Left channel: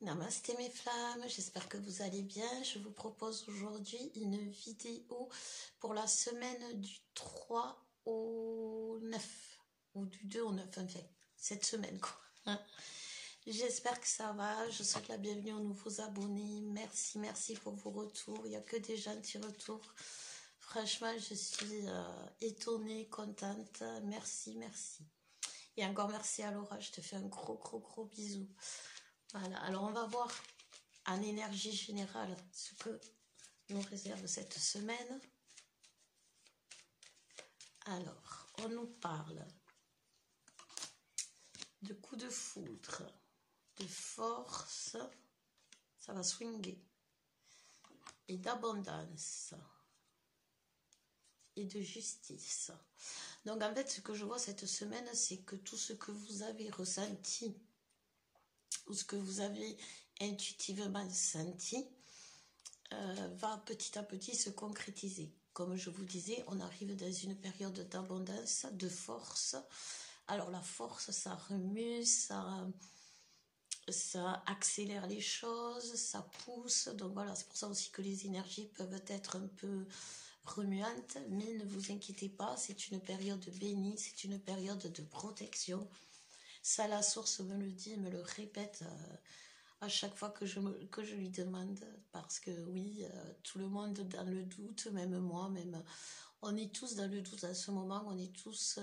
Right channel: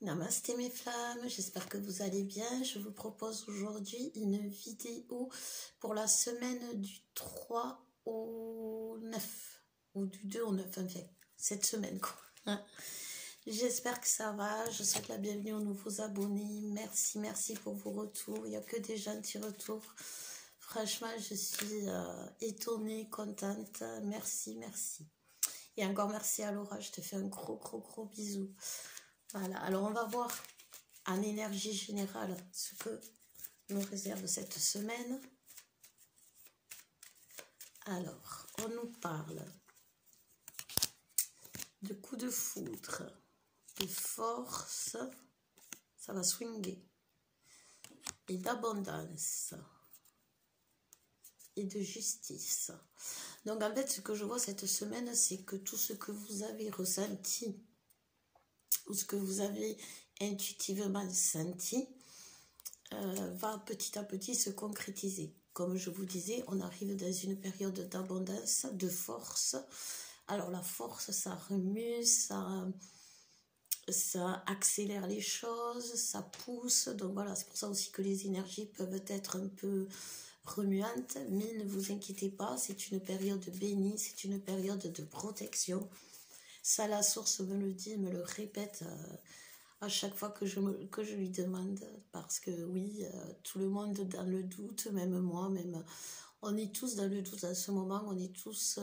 Namasté mes flammes, j'espère que vous allez bien. Je vous propose aujourd'hui une vidéo pour la semaine du 3 au 9, ou du 2 au 9, enfin, cette semaine quoi. J'espère que ça va, je souhaite la bienvenue aux nouveaux abonnés. Merci pour vos retours, il n'y a que des gentils retours. Franchement, je suis étonnée, contente, merci. Et encore merci à Laura, je te fais un gros bisou. Voilà, alors on va voir en énergie générale ce que nous réserve cette semaine. Alors, on nous parle de coups de foudre, de force, ça va swinguer, et d'abondance, et de justice. Donc en fait, ce que je vois cette semaine, c'est que tout ce que vous avez ressenti, ou ce que vous avez intuitivement senti, va petit à petit se concrétiser. Comme je vous disais, on arrive dans une période d'abondance, de force. Alors la force, ça remue, ça accélère les choses, ça pousse. Donc voilà, c'est pour ça aussi que les énergies peuvent être un peu remuantes. Mais ne vous inquiétez pas, c'est une période bénie, c'est une période de protection. Ça, la source me le dit, me le répète à chaque fois que je lui demande, parce que oui, tout le monde dans le doute, même moi, on est tous dans le doute à ce moment, on est tous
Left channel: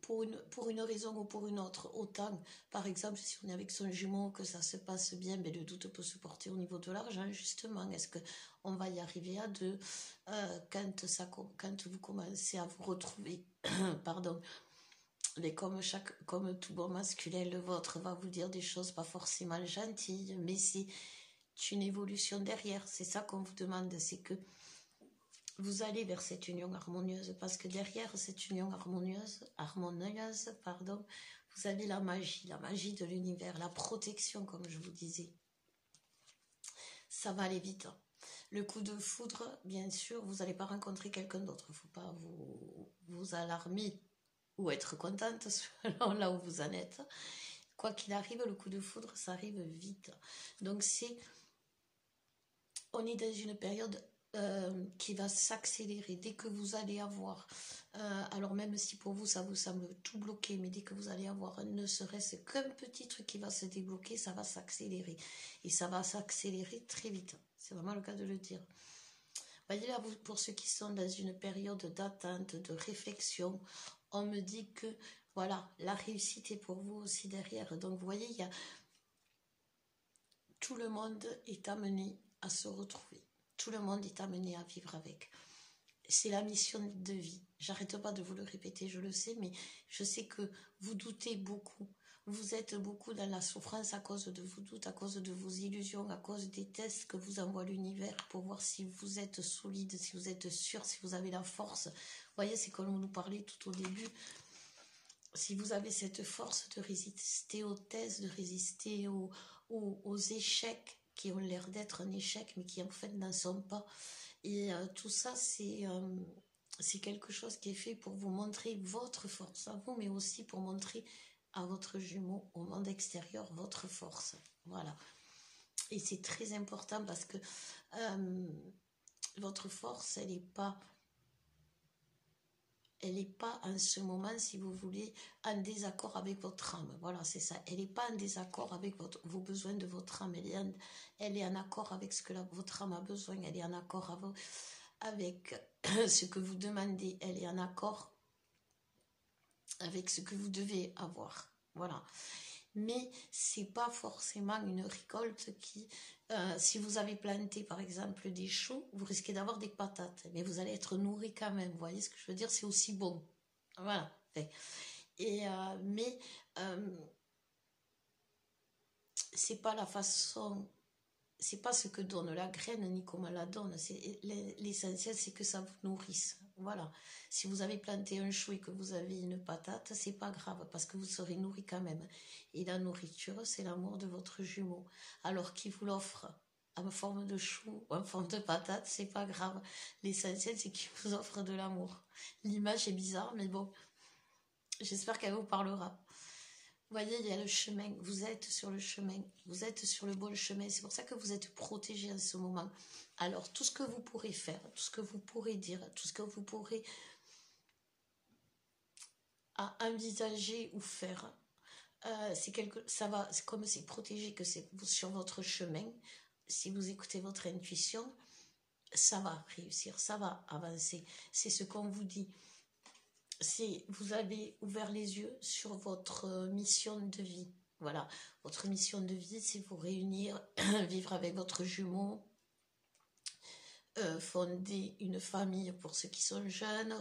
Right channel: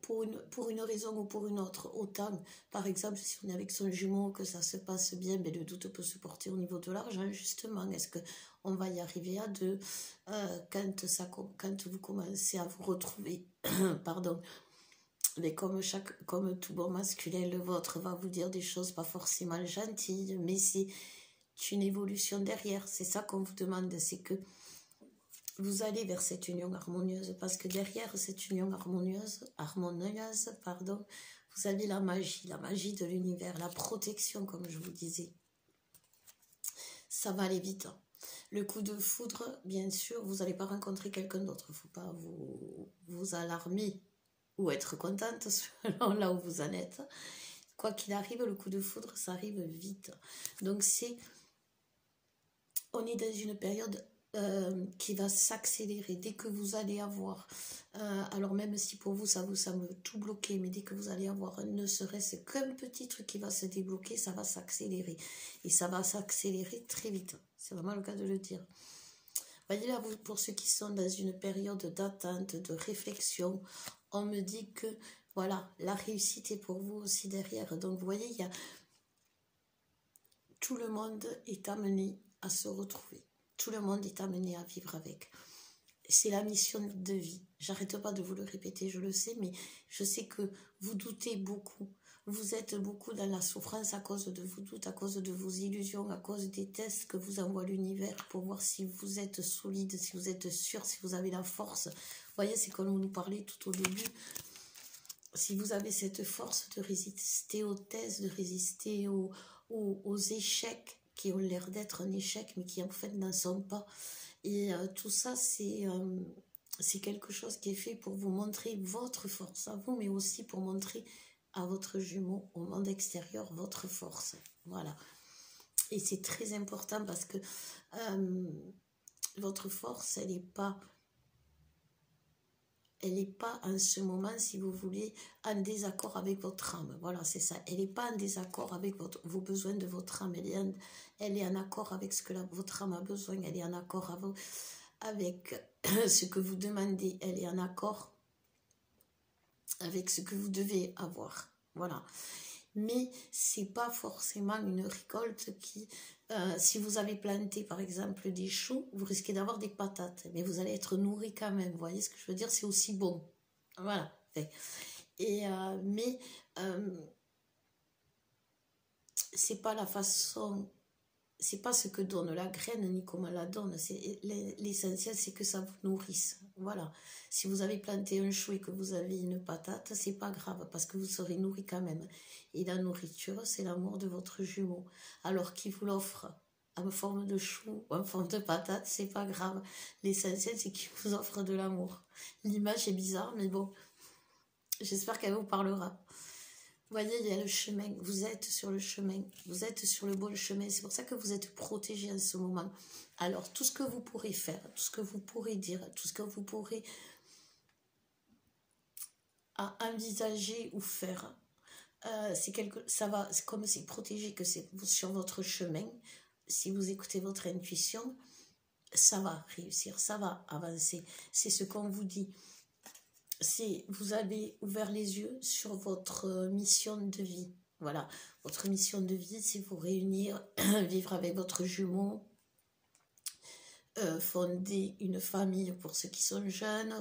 pour une raison ou pour une autre. Autant, par exemple, si on est avec son jumeau, que ça se passe bien, mais le doute peut se porter au niveau de l'argent, justement. Est-ce qu'on va y arriver à deux quand vous commencez à vous retrouver, pardon, mais comme tout bon masculin, le vôtre va vous dire des choses pas forcément gentilles, mais c'est une évolution derrière. C'est ça qu'on vous demande, c'est que vous allez vers cette union harmonieuse, parce que derrière cette union harmonieuse, vous avez la magie de l'univers, la protection, comme je vous disais. Ça va aller vite. Le coup de foudre, bien sûr, vous n'allez pas rencontrer quelqu'un d'autre. Il ne faut pas vous alarmer ou être contente selon là où vous en êtes. Quoi qu'il arrive, le coup de foudre, ça arrive vite. Donc on est dans une période qui va s'accélérer. Dès que vous allez avoir, alors même si pour vous ça vous semble tout bloqué, mais dès que vous allez avoir ne serait-ce qu'un petit truc qui va se débloquer, ça va s'accélérer. Et ça va s'accélérer très vite. C'est vraiment le cas de le dire. Voyez là, pour ceux qui sont dans une période d'attente, de réflexion, on me dit que, voilà, la réussite est pour vous aussi derrière. Donc, vous voyez, tout le monde est amené à se retrouver. Tout le monde est amené à vivre avec. C'est la mission de vie. J'arrête pas de vous le répéter, je le sais, mais je sais que vous doutez beaucoup. Vous êtes beaucoup dans la souffrance à cause de vos doutes, à cause de vos illusions, à cause des tests que vous envoie l'univers pour voir si vous êtes solide, si vous êtes sûr, si vous avez la force. Vous voyez, c'est comme on nous parlait tout au début. Si vous avez cette force de résister aux tests, de résister aux échecs qui ont l'air d'être un échec, mais qui en fait n'en sont pas. Et tout ça, c'est quelque chose qui est fait pour vous montrer votre force à vous, mais aussi pour montrer à votre jumeau, au monde extérieur, votre force. Voilà. Et c'est très important parce que votre force, elle n'est pas en ce moment, si vous voulez, en désaccord avec votre âme. Voilà, c'est ça. Elle n'est pas en désaccord avec vos besoins de votre âme. Elle est en accord avec ce que votre âme a besoin. Elle est en accord avec ce que vous demandez. Elle est en accord avec ce que vous devez avoir. Voilà. Mais c'est pas forcément une récolte qui... si vous avez planté, par exemple, des choux, vous risquez d'avoir des patates. Mais vous allez être nourri quand même. Vous voyez ce que je veux dire? C'est aussi bon. Voilà. Et, c'est pas la façon... C'est pas ce que donne la graine, ni comment la donne. L'essentiel, c'est que ça vous nourrisse. Voilà. Si vous avez planté un chou et que vous avez une patate, c'est pas grave, parce que vous serez nourri quand même. Et la nourriture, c'est l'amour de votre jumeau. Alors qu'il vous l'offre en forme de chou ou en forme de patate, c'est pas grave. L'essentiel, c'est qu'il vous offre de l'amour. L'image est bizarre, mais bon, j'espère qu'elle vous parlera. voyez, il y a le chemin, vous êtes sur le chemin, vous êtes sur le bon chemin, c'est pour ça que vous êtes protégé en ce moment. Alors, tout ce que vous pourrez faire, tout ce que vous pourrez dire, tout ce que vous pourrez envisager ou faire, ça va, comme c'est protégé, que c'est sur votre chemin, si vous écoutez votre intuition, ça va réussir, ça va avancer. C'est ce qu'on vous dit. Vous avez ouvert les yeux sur votre mission de vie. Voilà, votre mission de vie, c'est vous réunir, vivre avec votre jumeau, fonder une famille pour ceux qui sont jeunes,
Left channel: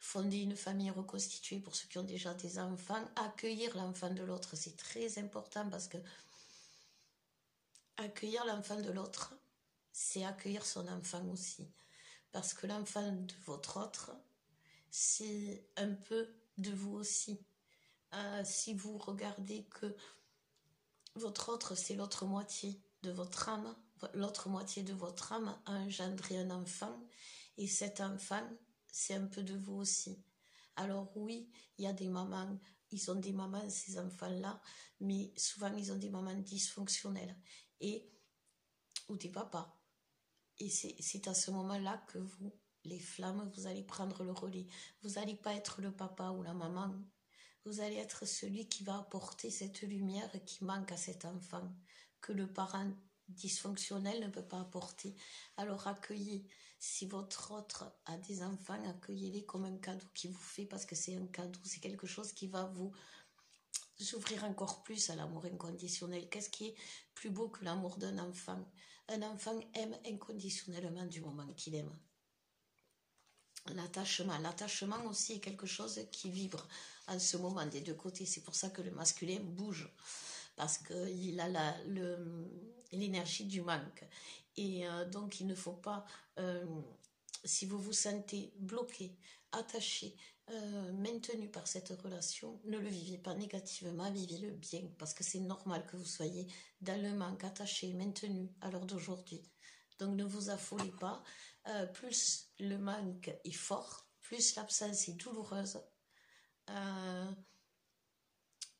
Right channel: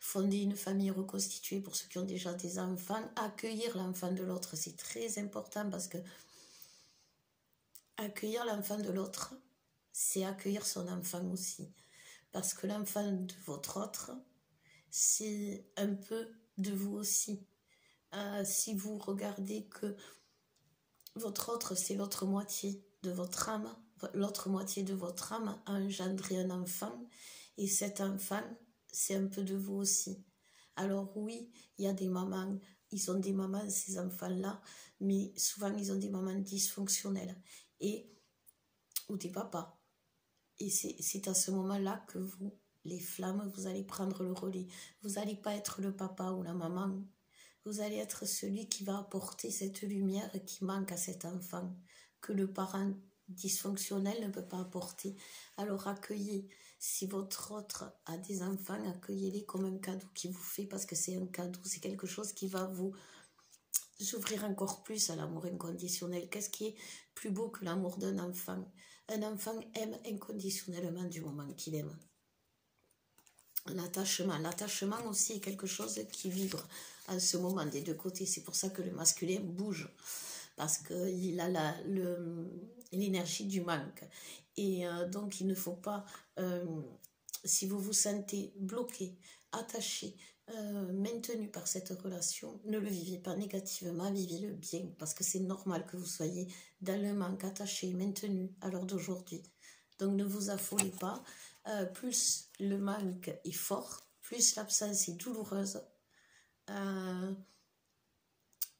fonder une famille reconstituée pour ceux qui ont déjà des enfants, accueillir l'enfant de l'autre, c'est très important parce que accueillir l'enfant de l'autre, c'est accueillir son enfant aussi. Parce que l'enfant de votre autre, c'est un peu de vous aussi. Si vous regardez que votre autre, c'est l'autre moitié de votre âme, l'autre moitié de votre âme a engendré un enfant, et cet enfant, c'est un peu de vous aussi. Alors oui, il y a des mamans, ils ont des mamans, ces enfants-là, mais souvent ils ont des mamans dysfonctionnelles, ou des papas. Et c'est à ce moment-là que vous, les flammes, vous allez prendre le relais. Vous n'allez pas être le papa ou la maman. Vous allez être celui qui va apporter cette lumière qui manque à cet enfant, que le parent dysfonctionnel ne peut pas apporter. Alors accueillez, si votre autre a des enfants, accueillez-les comme un cadeau qu'il vous fait, parce que c'est un cadeau, c'est quelque chose qui va vous ouvrir encore plus à l'amour inconditionnel. Qu'est-ce qui est plus beau que l'amour d'un enfant? Un enfant aime inconditionnellement du moment qu'il aime. L'attachement aussi est quelque chose qui vibre en ce moment des deux côtés. C'est pour ça que le masculin bouge, parce qu'il a l'énergie du manque. Et donc il ne faut pas, si vous vous sentez bloqué, attaché, maintenu par cette relation, ne le vivez pas négativement, vivez-le bien, parce que c'est normal que vous soyez dans le manque, attaché, maintenu à l'heure d'aujourd'hui. Donc ne vous affolez pas. Plus le manque est fort, plus l'absence est douloureuse,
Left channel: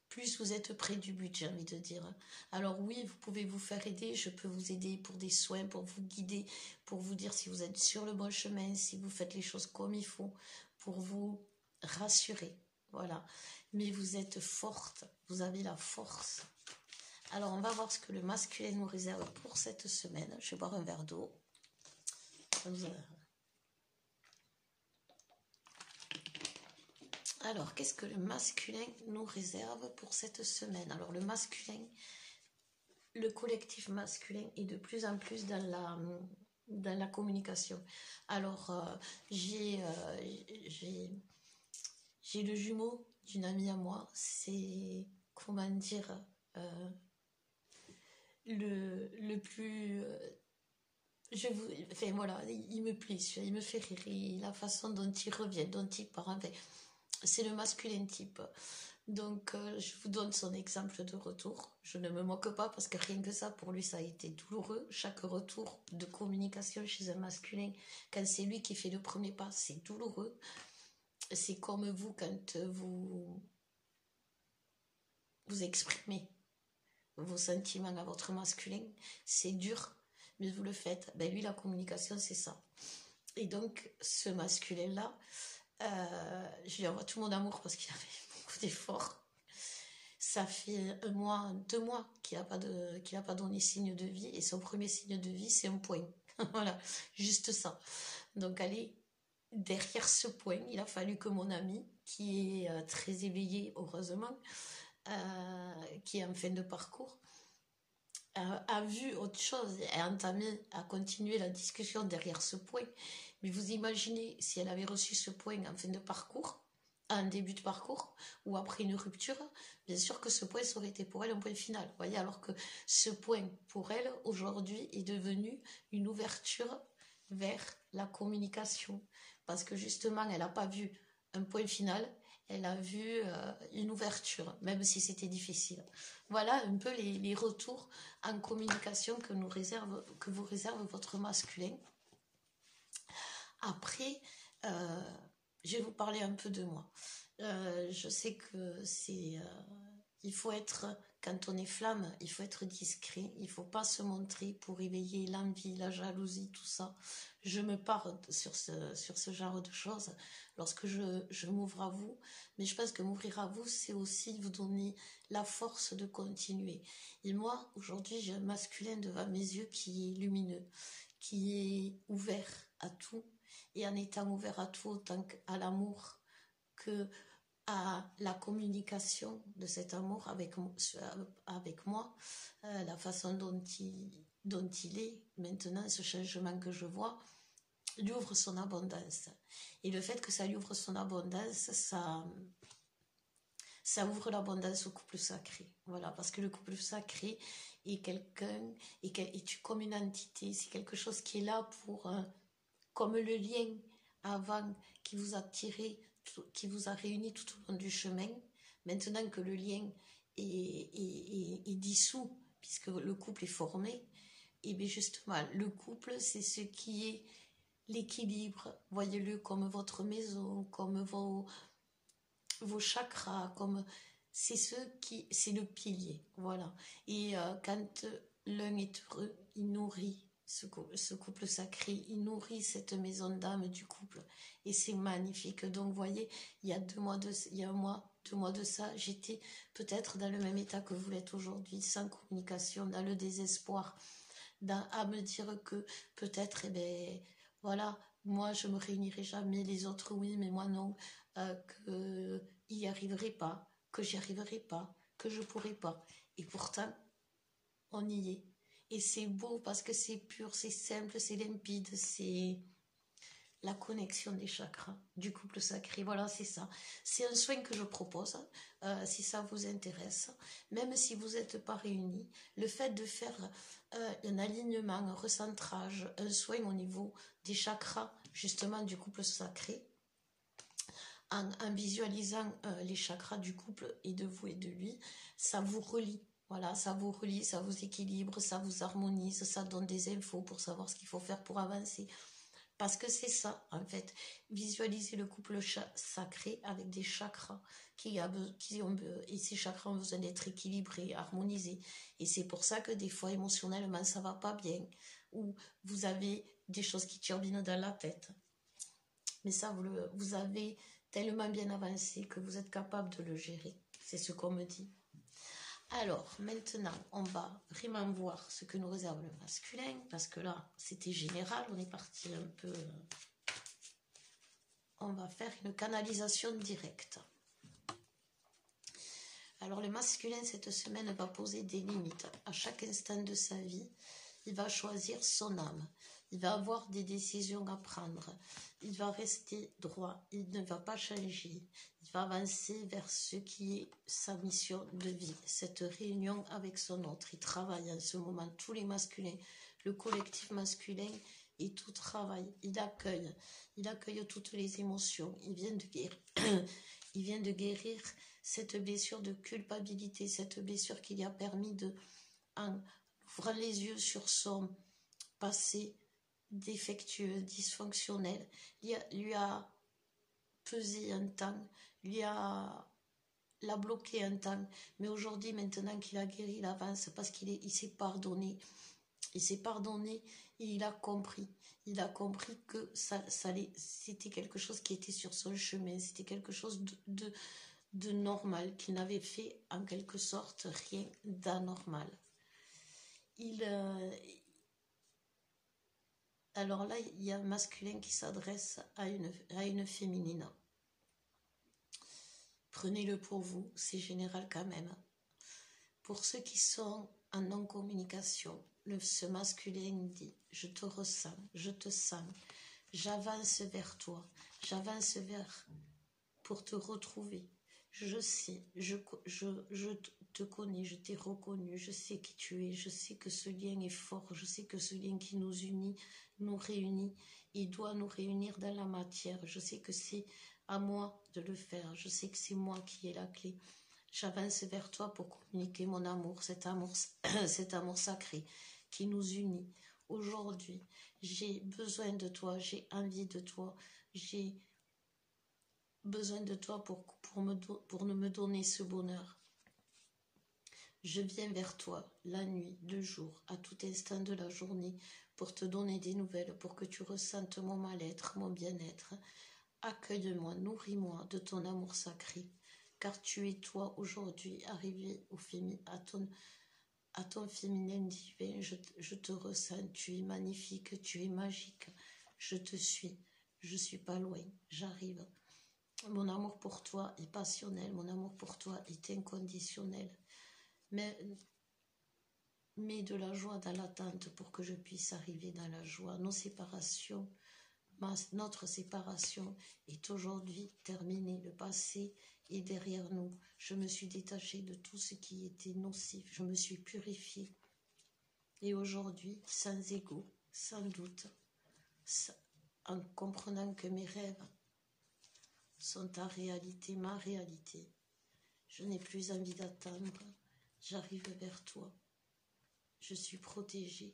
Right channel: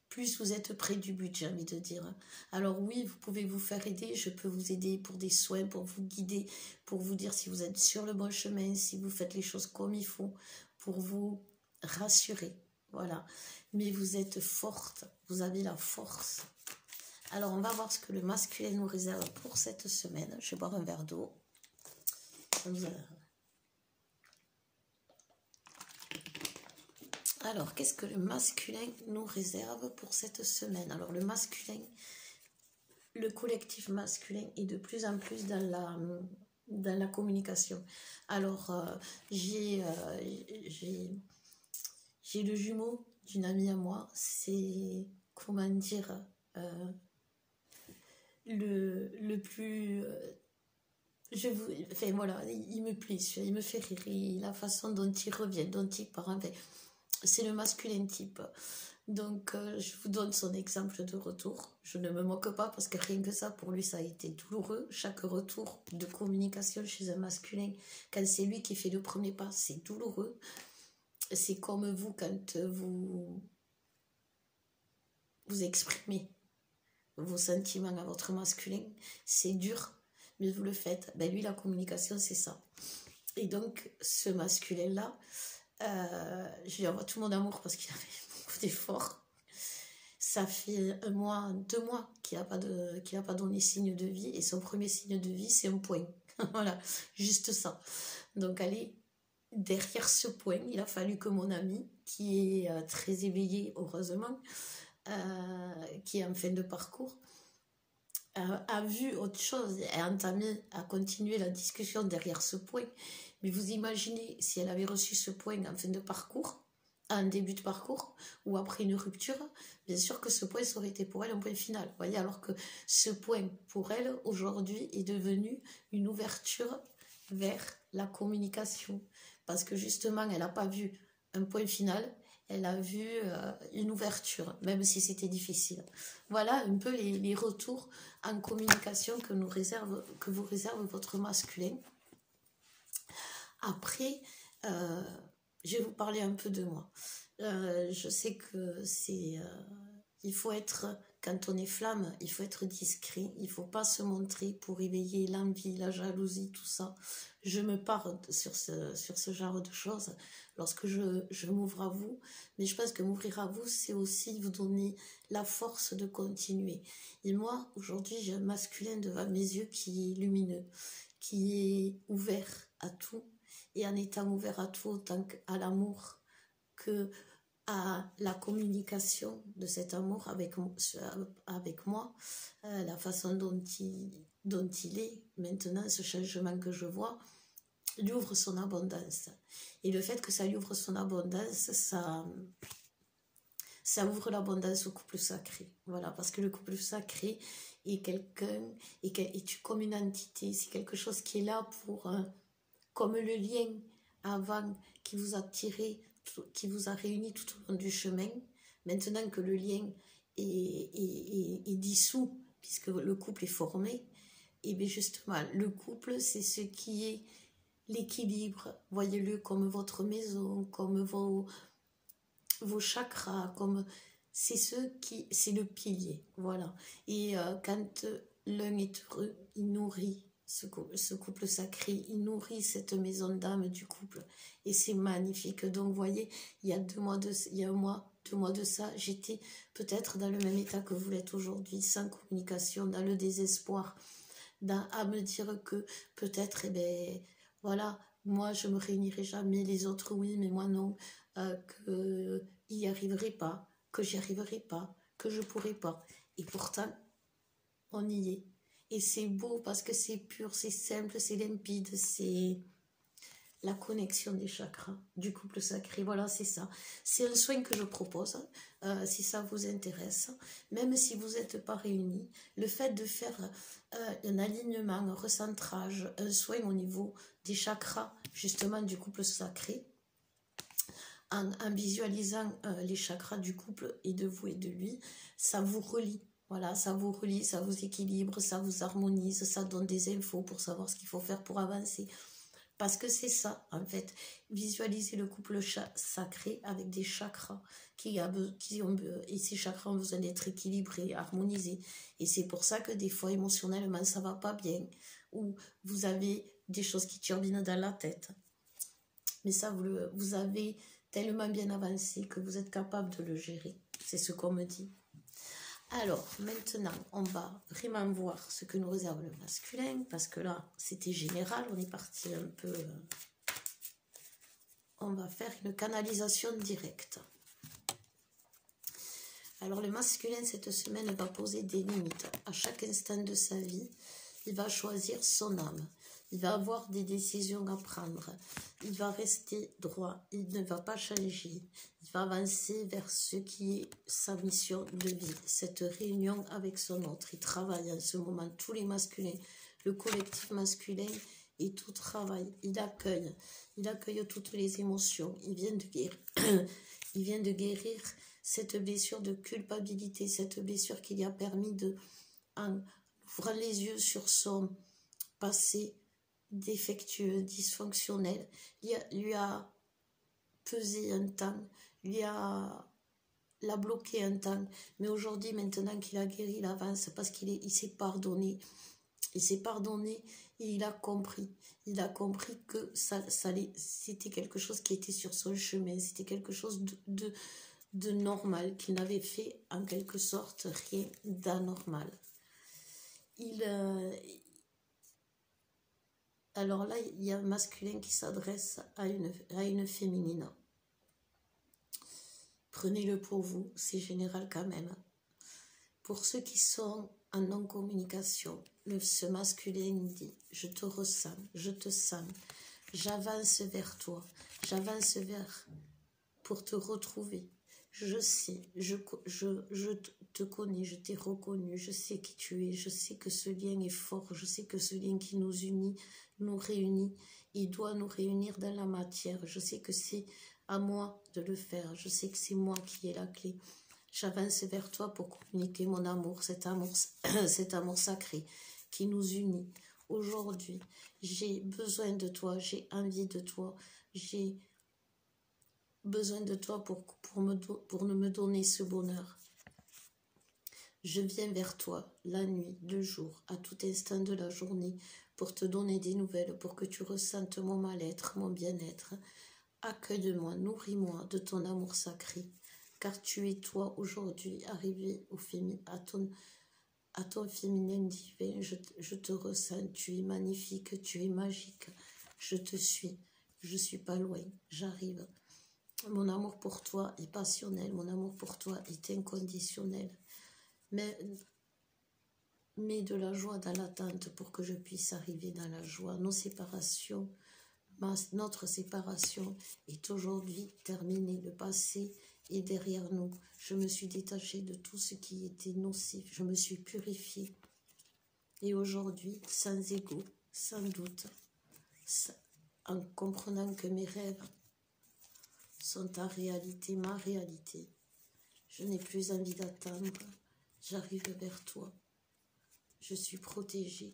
plus vous êtes près du but, j'ai envie de dire. Alors oui, vous pouvez vous faire aider, je peux vous aider pour des soins, pour vous guider, pour vous dire si vous êtes sur le bon chemin, si vous faites les choses comme il faut, pour vous rassurer, voilà. Mais vous êtes forte, vous avez la force. Alors on va voir ce que le masculin nous réserve pour cette semaine. Je vais boire un verre d'eau. Alors, qu'est-ce que le masculin nous réserve pour cette semaine? Alors, le masculin, le collectif masculin est de plus en plus dans la communication. Alors, j'ai le jumeau d'une amie à moi, c'est, comment dire, le plus... enfin voilà, il me plaît, il me fait rire, la façon dont il revient, dont il part, enfin, c'est le masculin type. Donc je vous donne son exemple de retour, je ne me moque pas parce que rien que ça, pour lui ça a été douloureux. Chaque retour de communication chez un masculin, quand c'est lui qui fait le premier pas, c'est douloureux. C'est comme vous, quand vous exprimez vos sentiments à votre masculin, c'est dur, mais vous le faites. Ben lui, la communication, c'est ça. Et donc, ce masculin-là, je lui envoie tout mon amour parce qu'il a fait beaucoup d'efforts. Ça fait 1 mois, 2 mois qu'il n'a pas donné signe de vie. Et son premier signe de vie, c'est un point. Voilà, juste ça. Donc, allez, derrière ce point, il a fallu que mon ami, qui est très éveillé, heureusement, qui est en fin de parcours, a vu autre chose et a continué la discussion derrière ce point. Mais vous imaginez si elle avait reçu ce point en fin de parcours, en début de parcours, ou après une rupture, bien sûr que ce point, ça aurait été pour elle un point final. Vous voyez, alors que ce point, pour elle, aujourd'hui, est devenu une ouverture vers la communication. Parce que justement, elle n'a pas vu un point final, elle a vu une ouverture, même si c'était difficile. Voilà un peu les retours en communication que vous réserve votre masculin. Après, je vais vous parler un peu de moi. Je sais que c'est il faut être, quand on est flamme, il faut être discret, il ne faut pas se montrer pour éveiller l'envie, la jalousie, tout ça. Je me pars sur ce genre de choses lorsque je m'ouvre à vous, mais je pense que m'ouvrir à vous, c'est aussi vous donner la force de continuer. Et moi, aujourd'hui, j'ai un masculin devant mes yeux qui est lumineux, qui est ouvert à tout, et en étant ouvert à tout, autant à l'amour que à la communication de cet amour avec moi, la façon dont il est maintenant, ce changement que je vois, lui ouvre son abondance. Et le fait que ça lui ouvre son abondance, ça ouvre l'abondance au couple sacré. Voilà, parce que le couple sacré est quelqu'un, est comme une entité, c'est quelque chose qui est là pour, comme le lien avant qui vous a tiré, qui vous a réuni tout au long du chemin, maintenant que le lien est dissous, puisque le couple est formé, et bien justement, le couple, c'est ce qui est l'équilibre. Voyez-le comme votre maison, comme vos chakras, comme c'est le pilier. Voilà. Et quand l'un est heureux, il nourrit ce couple sacré, il nourrit cette maison d'âme du couple, et c'est magnifique. Donc vous voyez, il y a 2 mois de ça, j'étais peut-être dans le même état que vous l'êtes aujourd'hui, sans communication, dans le désespoir, à me dire que peut-être, eh ben voilà, moi je me réunirai jamais, les autres oui, mais moi non, que il n'y arriverai pas, que j'y arriverai pas, que je pourrai pas, et pourtant on y est. Et c'est beau parce que c'est pur, c'est simple, c'est limpide, c'est la connexion des chakras, du couple sacré. Voilà, c'est ça. C'est un soin que je propose, si ça vous intéresse. Même si vous n'êtes pas réunis, le fait de faire un alignement, un recentrage, un soin au niveau des chakras, justement du couple sacré, en visualisant les chakras du couple et de vous et de lui, ça vous relie. Voilà, ça vous relie, ça vous équilibre, ça vous harmonise, ça donne des infos pour savoir ce qu'il faut faire pour avancer. Parce que c'est ça, en fait, visualiser le couple sacré avec des chakras et ces chakras ont besoin d'être équilibrés, harmonisés. Et c'est pour ça que des fois, émotionnellement, ça va pas bien, ou vous avez des choses qui turbinent dans la tête. Mais ça, vous avez tellement bien avancé que vous êtes capable de le gérer. C'est ce qu'on me dit. Alors, maintenant, on va vraiment voir ce que nous réserve le masculin, parce que là, c'était général, on est parti un peu... On va faire une canalisation directe. Alors, le masculin, cette semaine, va poser des limites. À chaque instant de sa vie, il va choisir son âme. Il va avoir des décisions à prendre. Il va rester droit. Il ne va pas changer. Il va avancer vers ce qui est sa mission de vie. Cette réunion avec son autre. Il travaille en ce moment. Tous les masculins, le collectif masculin et tout travail. Il accueille. Il accueille toutes les émotions. Il vient de guérir. Il vient de guérir cette blessure de culpabilité. Cette blessure qui lui a permis de, en ouvrant les yeux sur son passé défectueux, dysfonctionnel, lui a pesé un temps, l'a bloqué un temps, mais aujourd'hui, maintenant qu'il a guéri, il avance parce qu'il s'est pardonné. Il s'est pardonné et il a compris que c'était quelque chose qui était sur son chemin, c'était quelque chose de normal, qu'il n'avait fait en quelque sorte rien d'anormal. Alors là, il y a un masculin qui s'adresse à une féminine. Prenez-le pour vous, c'est général quand même. Pour ceux qui sont en non-communication, ce masculin dit « Je te ressens, je te sens, j'avance vers toi, j'avance pour te retrouver. Je sais, je te connais, je t'ai reconnu, je sais qui tu es, je sais que ce lien est fort, je sais que ce lien qui nous unit, nous réunit, il doit nous réunir dans la matière. Je sais que c'est à moi de le faire, je sais que c'est moi qui ai la clé. J'avance vers toi pour communiquer mon amour, cet amour sacré qui nous unit. Aujourd'hui, j'ai besoin de toi, j'ai envie de toi, j'ai besoin de toi pour me donner ce bonheur. Je viens vers toi, la nuit, le jour, à tout instant de la journée, pour te donner des nouvelles, pour que tu ressentes mon mal-être, mon bien-être. Accueille-moi, nourris-moi de ton amour sacré, car tu es toi aujourd'hui arrivé à ton féminin divin. Je te ressens, tu es magnifique, tu es magique. Je te suis, je suis pas loin, j'arrive. Mon amour pour toi est passionnel, mon amour pour toi est inconditionnel. Mets de la joie dans l'attente pour que je puisse arriver dans la joie. Notre séparation est aujourd'hui terminée. Le passé est derrière nous. Je me suis détachée de tout ce qui était nocif. Je me suis purifiée. Et aujourd'hui, sans ego, sans doute, en comprenant que mes rêves sont ta réalité, ma réalité, je n'ai plus envie d'attendre. J'arrive vers toi. Je suis protégée.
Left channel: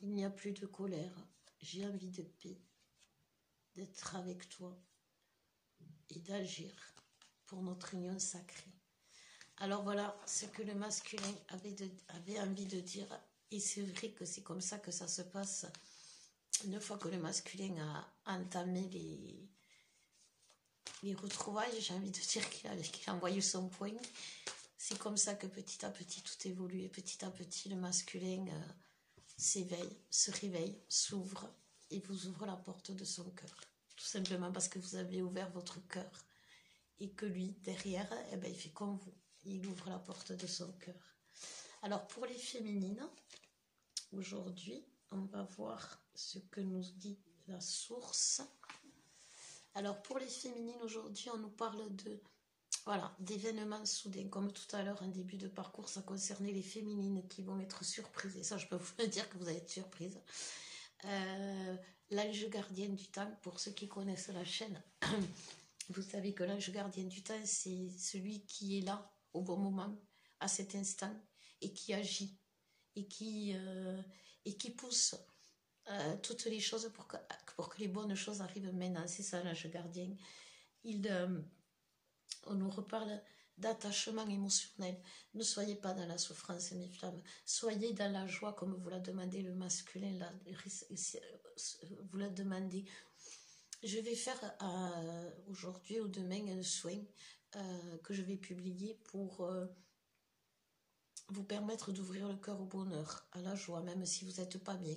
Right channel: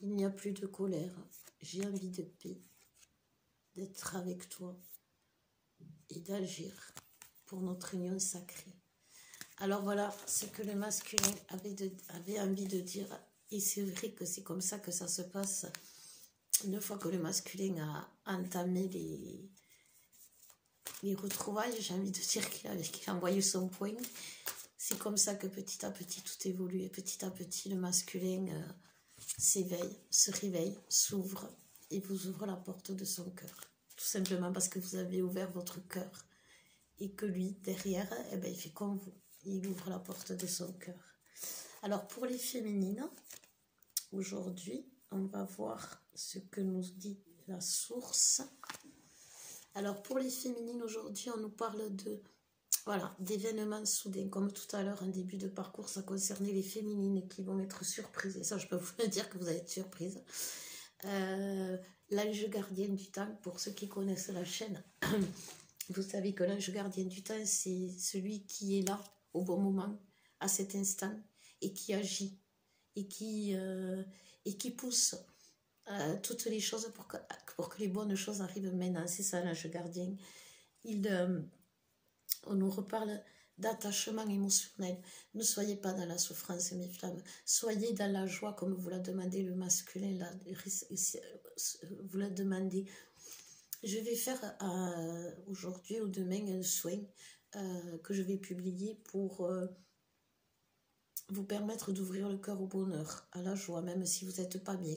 Il n'y a plus de colère. J'ai envie de paix, d'être avec toi et d'agir pour notre union sacrée. Alors voilà ce que le masculin avait envie de dire. Et c'est vrai que c'est comme ça que ça se passe. Une fois que le masculin a entamé les retrouvailles, j'ai envie de dire qu'il a envoyé son point. C'est comme ça que petit à petit tout évolue. Et petit à petit le masculin s'éveille, se réveille, s'ouvre et vous ouvre la porte de son cœur. Tout simplement parce que vous avez ouvert votre cœur. Et que lui, derrière, eh ben, il fait comme vous. Il ouvre la porte de son cœur. Alors pour les féminines, aujourd'hui, on va voir ce que nous dit la source. Alors pour les féminines, aujourd'hui, on nous parle d'événements soudains. Comme tout à l'heure, en début de parcours, ça concernait les féminines qui vont être surprises. Et ça, je peux vous le dire que vous allez être surprises. L'ange gardien du temps, pour ceux qui connaissent la chaîne, vous savez que l'ange gardien du temps, c'est celui qui est là au bon moment, à cet instant, et qui agit, et qui pousse toutes les choses pour que les bonnes choses arrivent maintenant. C'est ça l'ange gardien. On nous reparle d'attachement émotionnel. Ne soyez pas dans la souffrance, mes flammes. Soyez dans la joie, comme vous l'a demandé le masculin, vous l'a demandé. Je vais faire aujourd'hui ou demain un soin que je vais publier pour vous permettre d'ouvrir le cœur au bonheur, à la joie, même si vous n'êtes pas bien.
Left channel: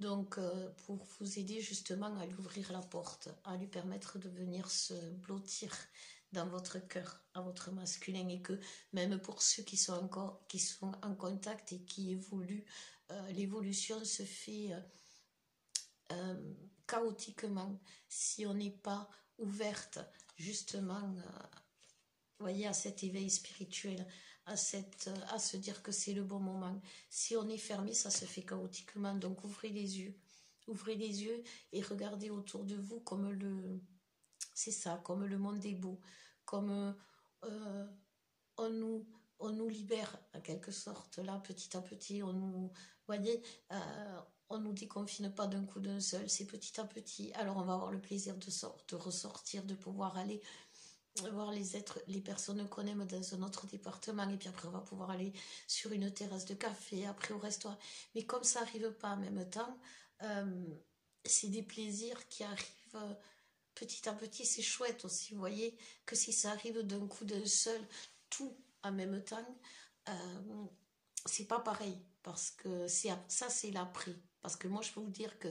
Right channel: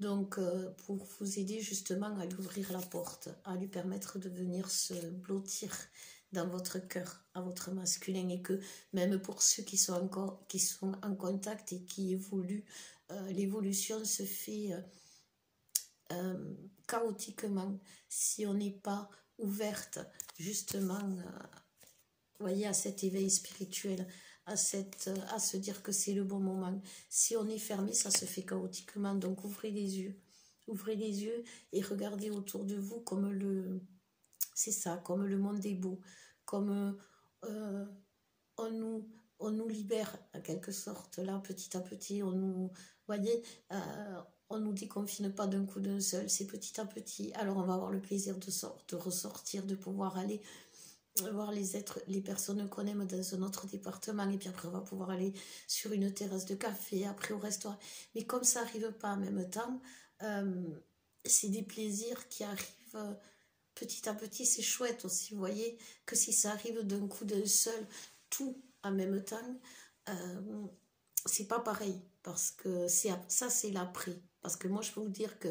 Donc, pour vous aider justement à lui ouvrir la porte, à lui permettre de venir se blottir dans votre cœur, à votre masculin, et que même pour ceux qui sont en contact et qui évoluent, l'évolution se fait chaotiquement si on n'est pas ouverte justement voyez, à cet éveil spirituel, à se dire que c'est le bon moment. Si on est fermé, ça se fait chaotiquement. Donc ouvrez les yeux et regardez autour de vous comme comme le monde est beau, comme on nous libère en quelque sorte, là, petit à petit, voyez, on nous déconfine pas d'un coup d'un seul, c'est petit à petit. Alors on va avoir le plaisir de ressortir, de pouvoir aller voir les personnes qu'on aime dans un autre département, et puis après on va pouvoir aller sur une terrasse de café, après au restaurant. Mais comme ça n'arrive pas en même temps, c'est des plaisirs qui arrivent petit à petit. C'est chouette aussi, vous voyez, que si ça arrive d'un coup d'un seul, tout en même temps, c'est pas pareil, parce que ça c'est l'après. Parce que moi je peux vous dire que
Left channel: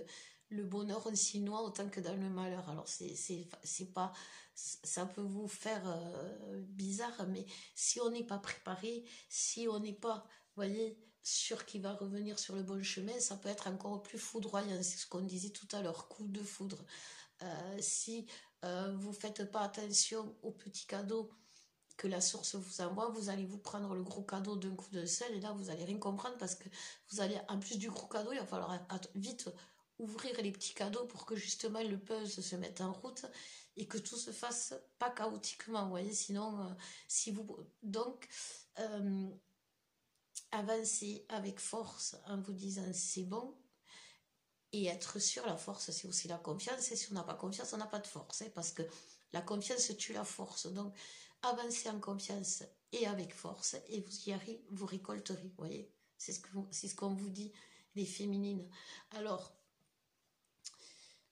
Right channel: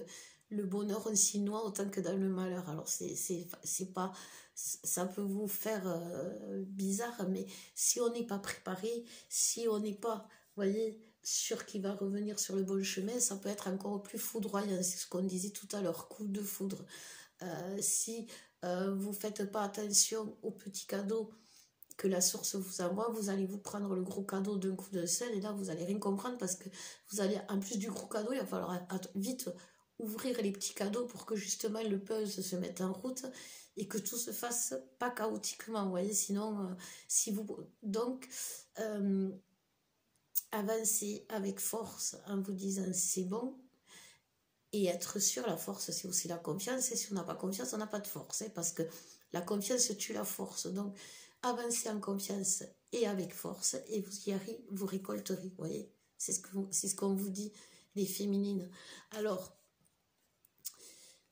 le bonheur on s'y noie autant que dans le malheur. Alors c'est pas, ça peut vous faire bizarre, mais si on n'est pas préparé, si on n'est pas, vous voyez, sûr qu'il va revenir sur le bon chemin, ça peut être encore plus foudroyant. C'est ce qu'on disait tout à l'heure, coup de foudre. Si vous faites pas attention aux petits cadeaux que la source vous envoie, vous allez vous prendre le gros cadeau d'un coup de seul, et là vous allez rien comprendre, parce que vous allez, en plus du gros cadeau, il va falloir vite ouvrir les petits cadeaux pour que justement le puzzle se mette en route et que tout se fasse pas chaotiquement, vous voyez. Sinon donc avancez avec force en vous disant c'est bon. Et être sûr, la force, c'est aussi la confiance. Et si on n'a pas confiance, on n'a pas de force. Parce que la confiance tue la force. Donc, avancez en confiance et avec force, et vous y arrivez, vous récolterez, vous voyez, c'est ce qu'on vous dit, les féminines. Alors,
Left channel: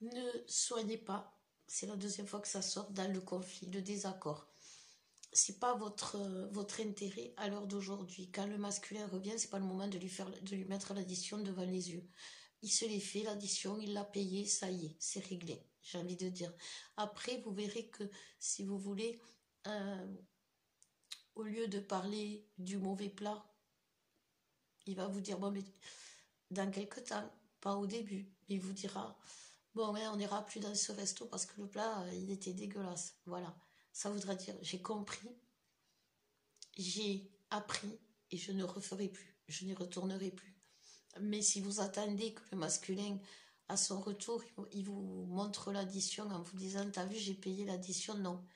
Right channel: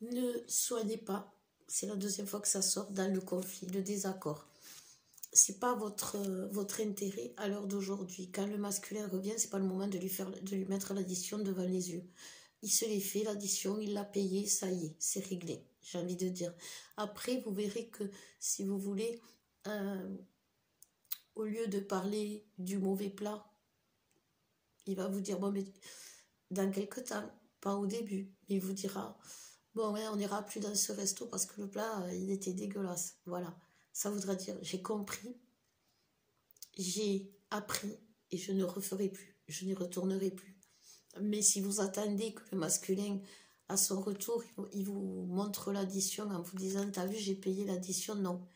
ne soyez pas, c'est la deuxième fois que ça sort, dans le conflit, le désaccord. C'est pas votre intérêt à l'heure d'aujourd'hui. Quand le masculin revient, c'est pas le moment de lui mettre l'addition devant les yeux. Il se l'est fait, l'addition, il l'a payé, ça y est, c'est réglé, j'ai envie de dire. Après, vous verrez que si vous voulez, au lieu de parler du mauvais plat, il va vous dire, bon, mais dans quelques temps, pas au début, il vous dira, bon, ouais, on n'ira plus dans ce resto parce que le plat, il était dégueulasse. Voilà, ça voudra dire, j'ai compris, j'ai appris et je ne referai plus, je n'y retournerai plus. Mais si vous attendez que le masculin, à son retour, il vous montre l'addition en vous disant, t'as vu, j'ai payé l'addition, non.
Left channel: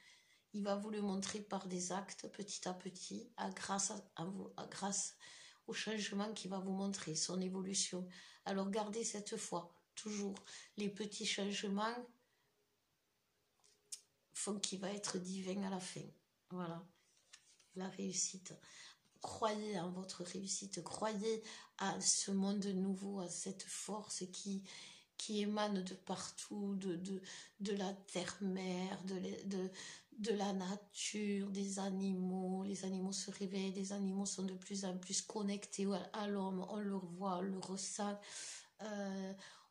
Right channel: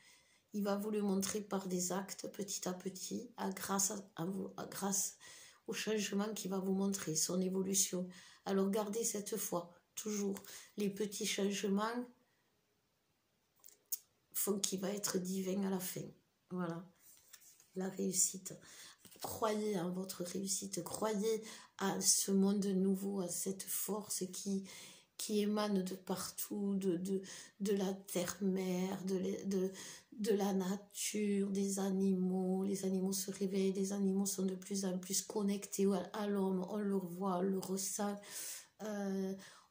Il va vous le montrer par des actes, petit à petit, grâce au changement qu'il va vous montrer, son évolution. Alors gardez cette foi, toujours. Les petits changements font qu'il va être divin à la fin. Voilà, la réussite. Croyez en votre réussite, croyez à ce monde nouveau, à cette force qui émane de partout, de la terre-mère, de la nature, des animaux. Les animaux se réveillent, les animaux sont de plus en plus connectés à l'homme, on le voit, on le ressent.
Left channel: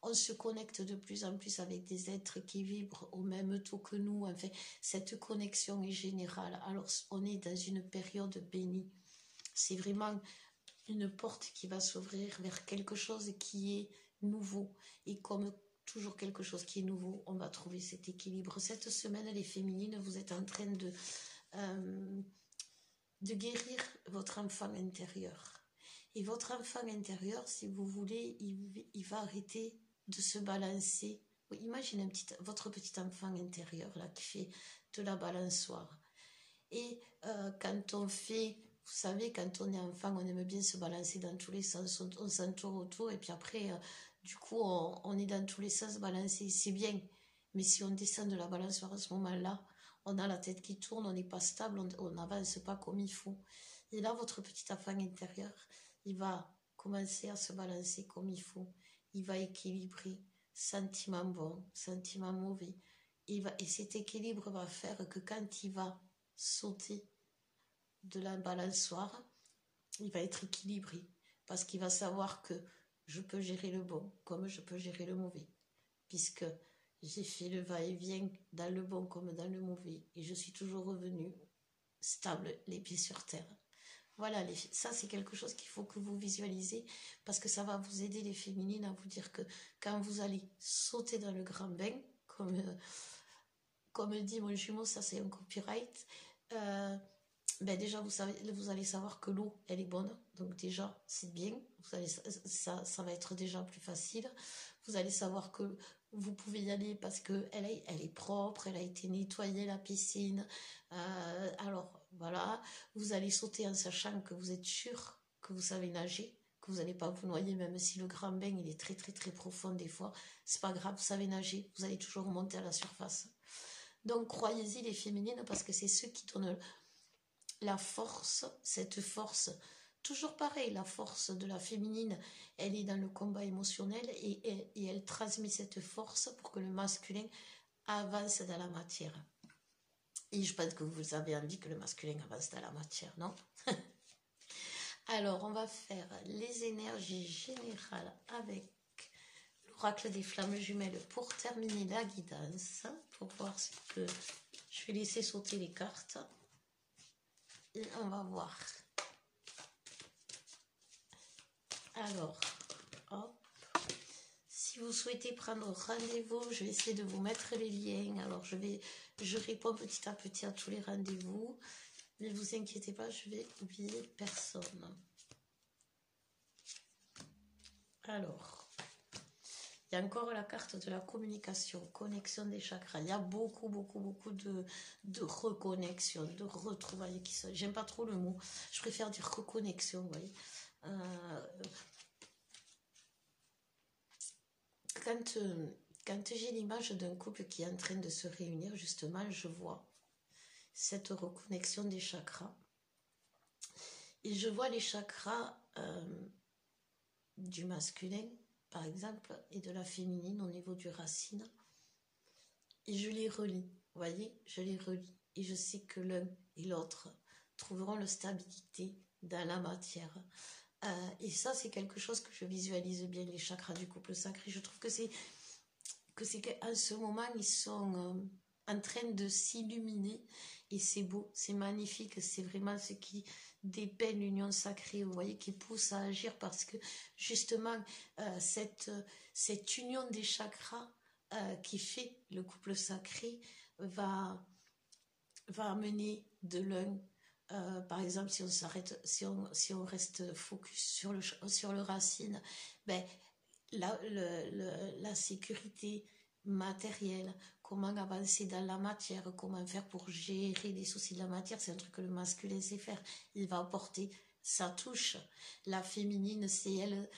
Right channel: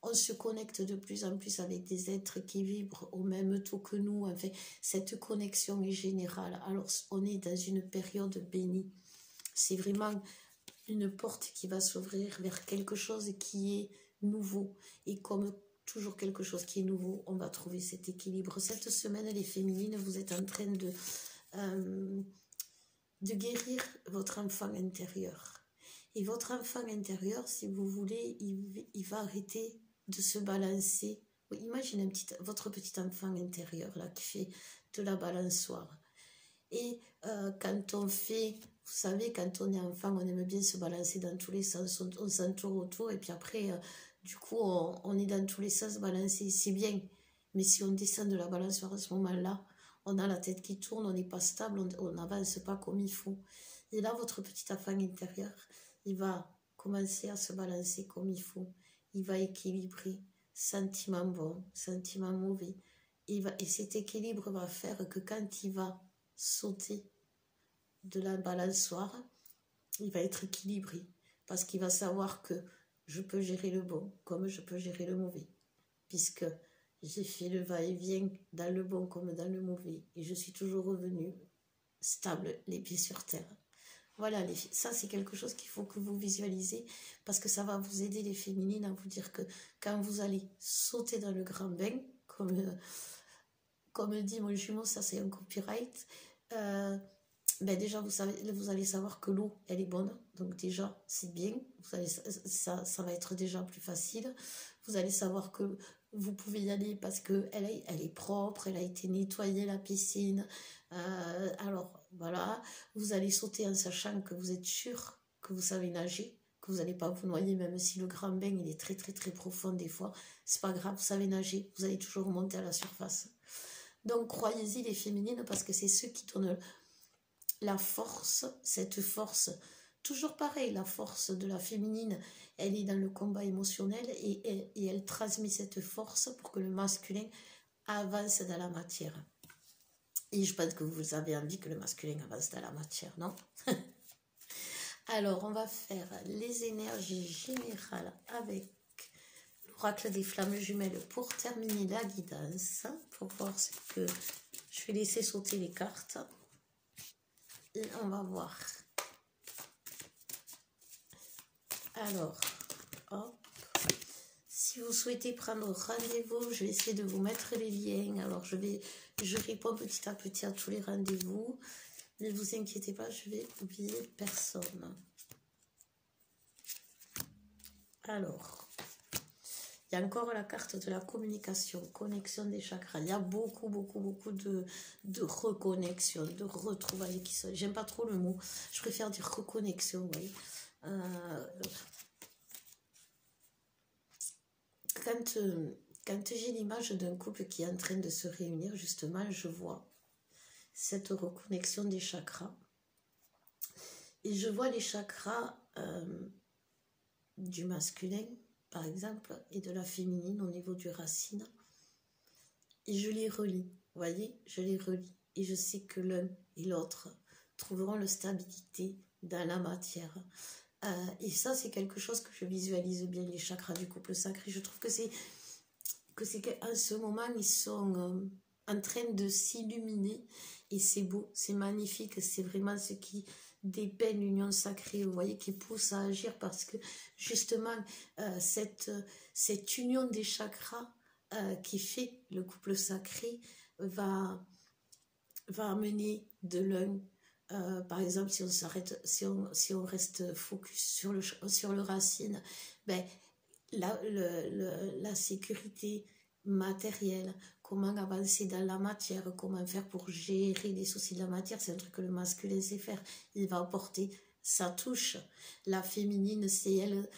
On se connecte de plus en plus avec des êtres qui vibrent au même taux que nous. Enfin, cette connexion est générale. Alors, on est dans une période bénie. C'est vraiment une porte qui va s'ouvrir vers quelque chose qui est nouveau. Et comme toujours quelque chose qui est nouveau, on va trouver cet équilibre. Cette semaine, les féminines, vous êtes en train de guérir votre enfant intérieur. Et votre enfant intérieur, si vous voulez, il va arrêter de se balancer. Oui, imaginez votre petit enfant intérieur là qui fait de la balançoire. Et quand on fait, vous savez, quand on est enfant, on aime bien se balancer dans tous les sens, on s'entoure autour et puis après, du coup, on est dans tous les sens balancé, c'est bien. Mais si on descend de la balançoire à ce moment-là, on a la tête qui tourne, on n'est pas stable, on n'avance pas comme il faut. Et là, votre petit enfant intérieur, il va commencer à se balancer comme il faut. Il va équilibrer, sentiment bon, sentiment mauvais. Et cet équilibre va faire que quand il va sauter de la balançoire, il va être équilibré. Parce qu'il va savoir que je peux gérer le bon comme je peux gérer le mauvais. Puisque j'ai fait le va-et-vient dans le bon comme dans le mauvais. Et je suis toujours revenue stable, les pieds sur terre. Voilà, les filles, ça c'est quelque chose qu'il faut que vous visualisez parce que ça va vous aider les féminines à vous dire que quand vous allez sauter dans le grand bain, comme dit mon jumeau, ça c'est un copyright, ben déjà vous allez savoir que l'eau elle est bonne, donc déjà c'est bien, ça va être déjà plus facile. Vous allez savoir que vous pouvez y aller parce que elle est propre, elle a été nettoyée la piscine. Alors voilà, vous allez sauter en sachant que vous êtes sûr que vous savez nager, que vous n'allez pas vous noyer, même si le grand bain il est très très très profond des fois, c'est pas grave, vous savez nager, vous allez toujours monter à la surface. Donc croyez-y les féminines parce que c'est ceux qui donnent la force, cette force. Toujours pareil, la force de la féminine, elle est dans le combat émotionnel et elle transmet cette force pour que le masculin avance dans la matière. Et je pense que vous avez envie que le masculin avance dans la matière, non? Alors, on va faire les énergies générales avec l'oracle des flammes jumelles pour terminer la guidance, pour voir ce que... Je vais laisser sauter les cartes. Et on va voir. Alors, hop. Si vous souhaitez prendre rendez-vous, je vais essayer de vous mettre les liens. Alors, je réponds petit à petit à tous les rendez-vous. Ne vous inquiétez pas, je vais oublier personne. Alors, il y a encore la carte de la communication, connexion des chakras. Il y a beaucoup de reconnexion, de retrouvailles qui sont... J'aime pas trop le mot, je préfère dire reconnexion, oui. Quand j'ai l'image d'un couple qui est en train de se réunir, justement, je vois cette reconnexion des chakras. Et je vois les chakras du masculin, par exemple, et de la féminine au niveau du racine. Et je les relie, vous voyez, je les relie. Et je sais que l'un et l'autre trouveront la stabilité dans la matière. Et ça, c'est quelque chose que je visualise bien, les chakras du couple sacré. Je trouve que c'est qu'en ce moment, ils sont en train de s'illuminer. Et c'est beau, c'est magnifique. C'est vraiment ce qui dépeint l'union sacrée, vous voyez, qui pousse à agir. Parce que, justement, cette union des chakras qui fait le couple sacré va amener de l'un. Par exemple, si on s'arrête, si on reste focus sur le racine, ben, la sécurité matérielle, comment avancer dans la matière, comment faire pour gérer les soucis de la matière, c'est un truc que le masculin sait faire. Il va apporter sa touche. La féminine, c'est elle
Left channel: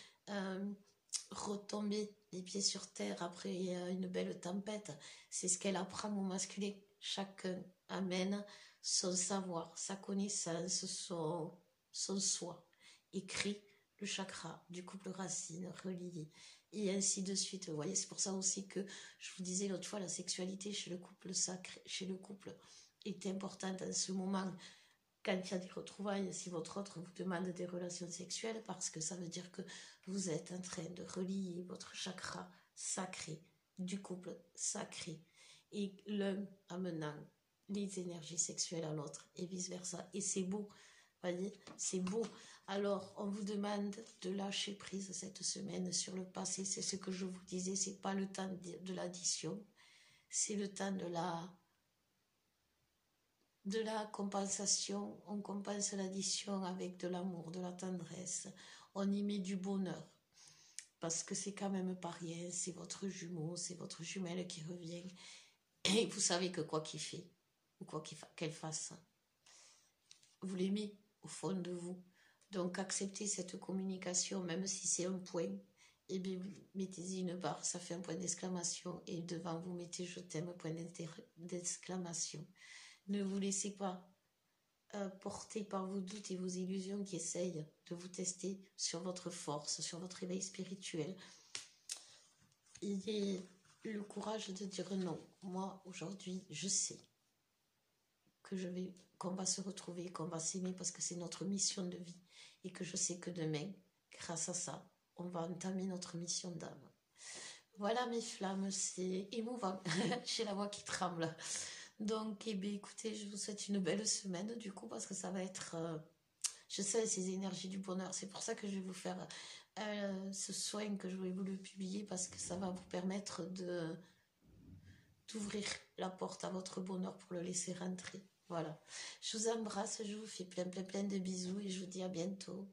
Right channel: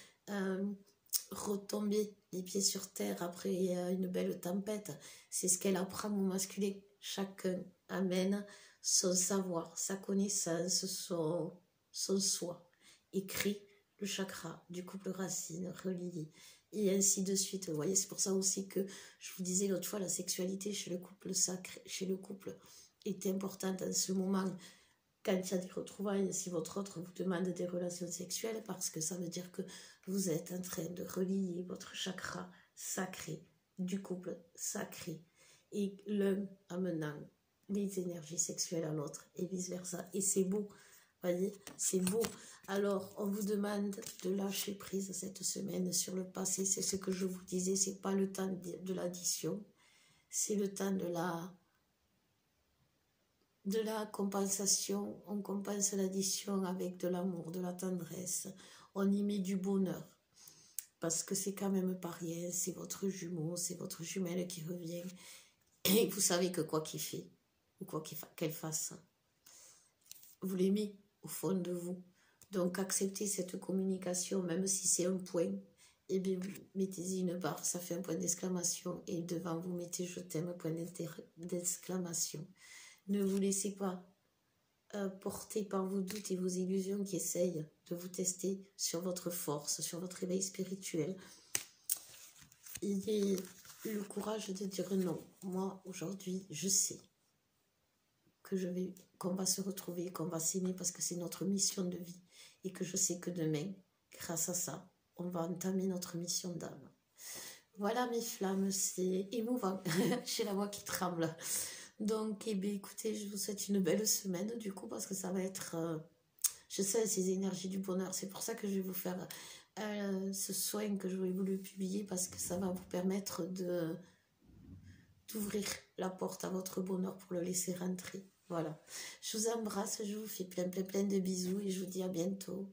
retomber les pieds sur terre après une belle tempête. C'est ce qu'elle apprend au masculin. Chacun amène son savoir, sa connaissance, son soi, et crée le chakra du couple racine relié, et ainsi de suite. Vous voyez, c'est pour ça aussi que je vous disais l'autre fois, la sexualité chez le couple sacré, chez le couple est importante en ce moment, quand il y a des retrouvailles, si votre autre vous demande des relations sexuelles, parce que ça veut dire que vous êtes en train de relier votre chakra sacré du couple sacré, et l'un amenant les énergies sexuelles à l'autre et vice versa. Et c'est beau, voyez, c'est beau. Alors, on vous demande de lâcher prise cette semaine sur le passé. C'est ce que je vous disais, c'est pas le temps de l'addition, c'est le temps de la compensation. On compense l'addition avec de l'amour, de la tendresse. On y met du bonheur. Parce que c'est quand même pas rien, c'est votre jumeau, c'est votre jumelle qui revient. Et vous savez que quoi qu'il fait, ou quoi qu'elle fasse, vous l'aimez au fond de vous. Donc acceptez cette communication, même si c'est un point, et bien mettez-y une barre, ça fait un point d'exclamation, et devant vous mettez je t'aime, point d'exclamation. Ne vous laissez pas porter par vos doutes et vos illusions qui essayent de vous tester sur votre force, sur votre éveil spirituel. Ayez le courage de dire non. Moi, aujourd'hui, je sais qu'on va se retrouver, qu'on va s'aimer parce que c'est notre mission de vie, et que je sais que demain, grâce à ça, on va entamer notre mission d'âme. Voilà mes flammes, c'est émouvant, j'ai la voix qui tremble. Donc, eh bien, écoutez, je vous souhaite une belle semaine du coup, parce que ça va être, je sais, ces énergies du bonheur. C'est pour ça que je vais vous faire ce soin que j'aurais voulu publier, parce que ça va vous permettre d'ouvrir la porte à votre bonheur pour le laisser rentrer. Voilà. Je vous embrasse, je vous fais plein de bisous et je vous dis à bientôt.